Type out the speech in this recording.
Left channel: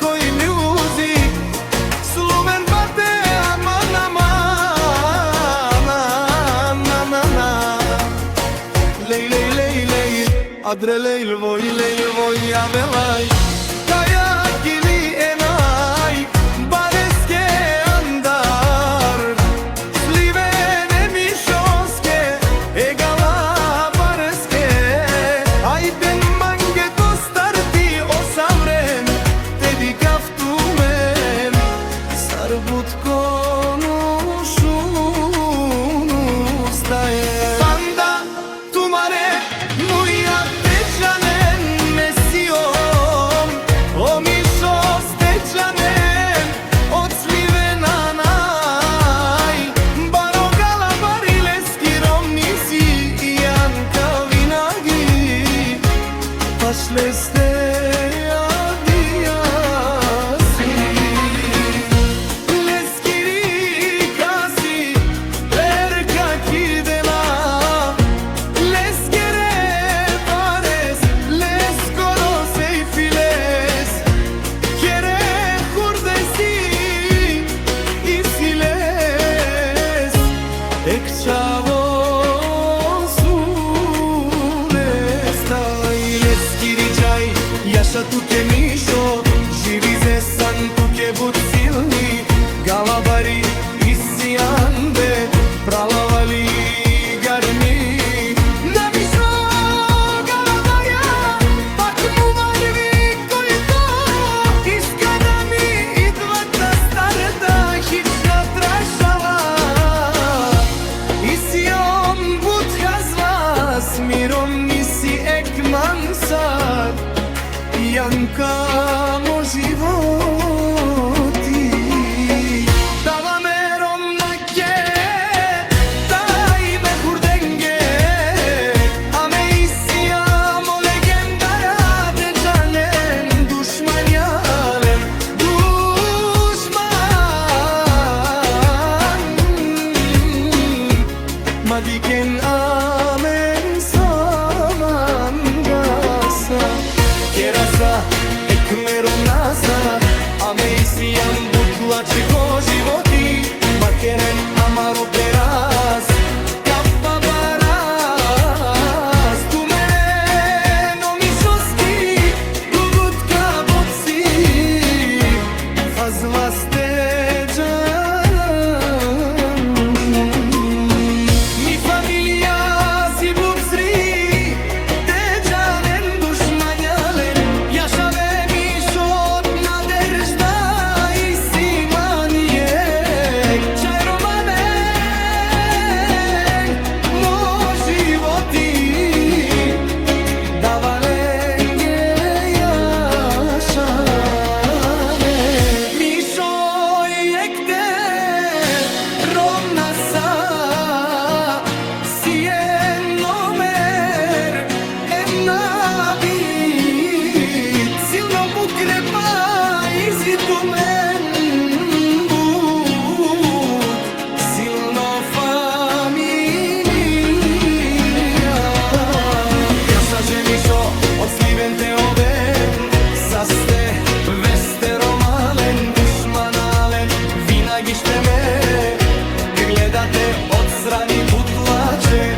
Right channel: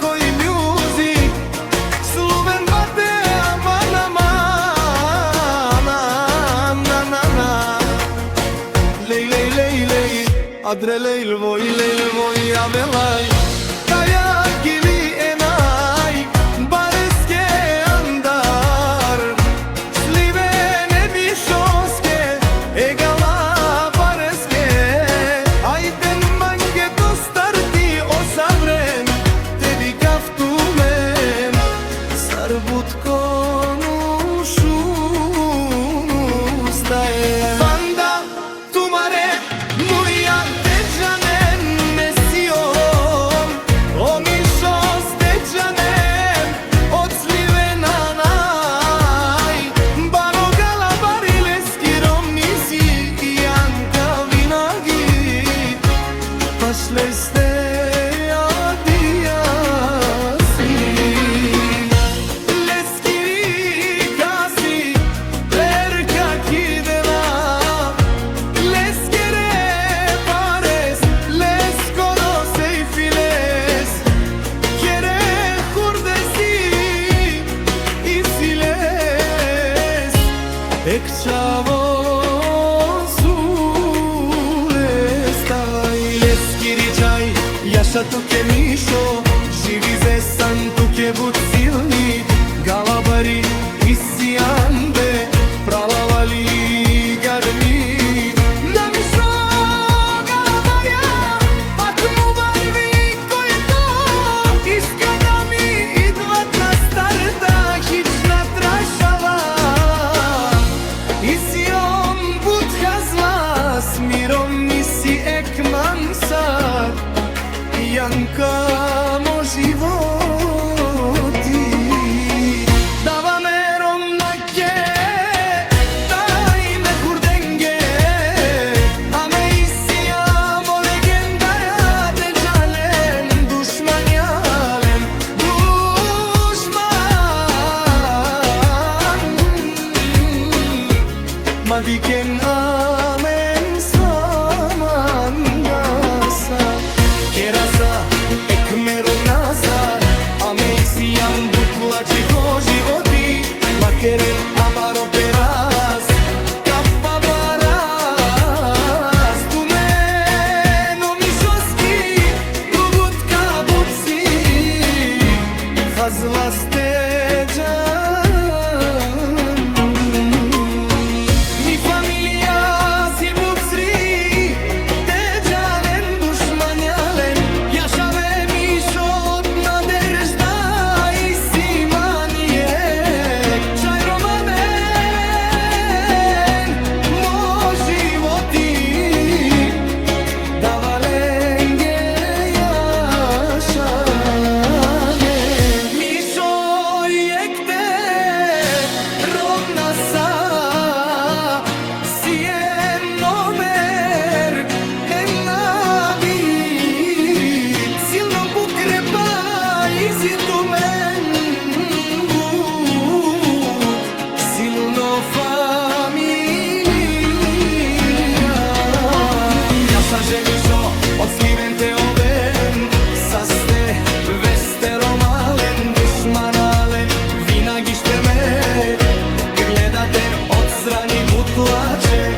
koji music Sluven bate aman aman Lej lej lej lej Adre lejl voj avelaj Kaya gili enay Bareske andar Slivene mišoske Egala bareske Ajden mange dostarti osavrem Tebi kaftumen Sarbut konu šunu staje Banda tumare Muja teđanen mesijom Omišos teđanen Od slivena naj Barogala barileski romnisi Janka vinagi Pašle ste adijasi Leskiri kasi Lerka kidela Leskere pares Leskoro seyfiles Kere hurdesi isiles Ekçavo Letskiri čaj, jaša tuke mišo Živi zesan tuke bud silni Galabari isijande Pralavali garmi Na mišo galabarja Pak mu varvi koji to Iskada mi idvat na starta Hična trašava Isijom bud hazla S mirom nisi ekman sad Janka mo životi Dava merom nake Daj me hurdenge Ame isijamo legendara Teđanen dušman jalen Dušman Madiken amen saman gasa Kerasa ekmerom nasa Ame isijam butlače ko životi Makeren amaro peras Kappa baras Tumeno mišoski Gugutka buci Fazla steđan Mi familija si bubsri Teđanen dušmanjalen Jašave mišot naderžda Isi manijek Čaj romanen Mo životi Davalenge jašane Mišo jekte Romna sa Sijen nomer Enabit Silno pukrepa Izitumen but Silno familija Jaša žemišo Od sliven te oven Saste veste romalen Dušmanalen Vinagište me Gledate od strani butlače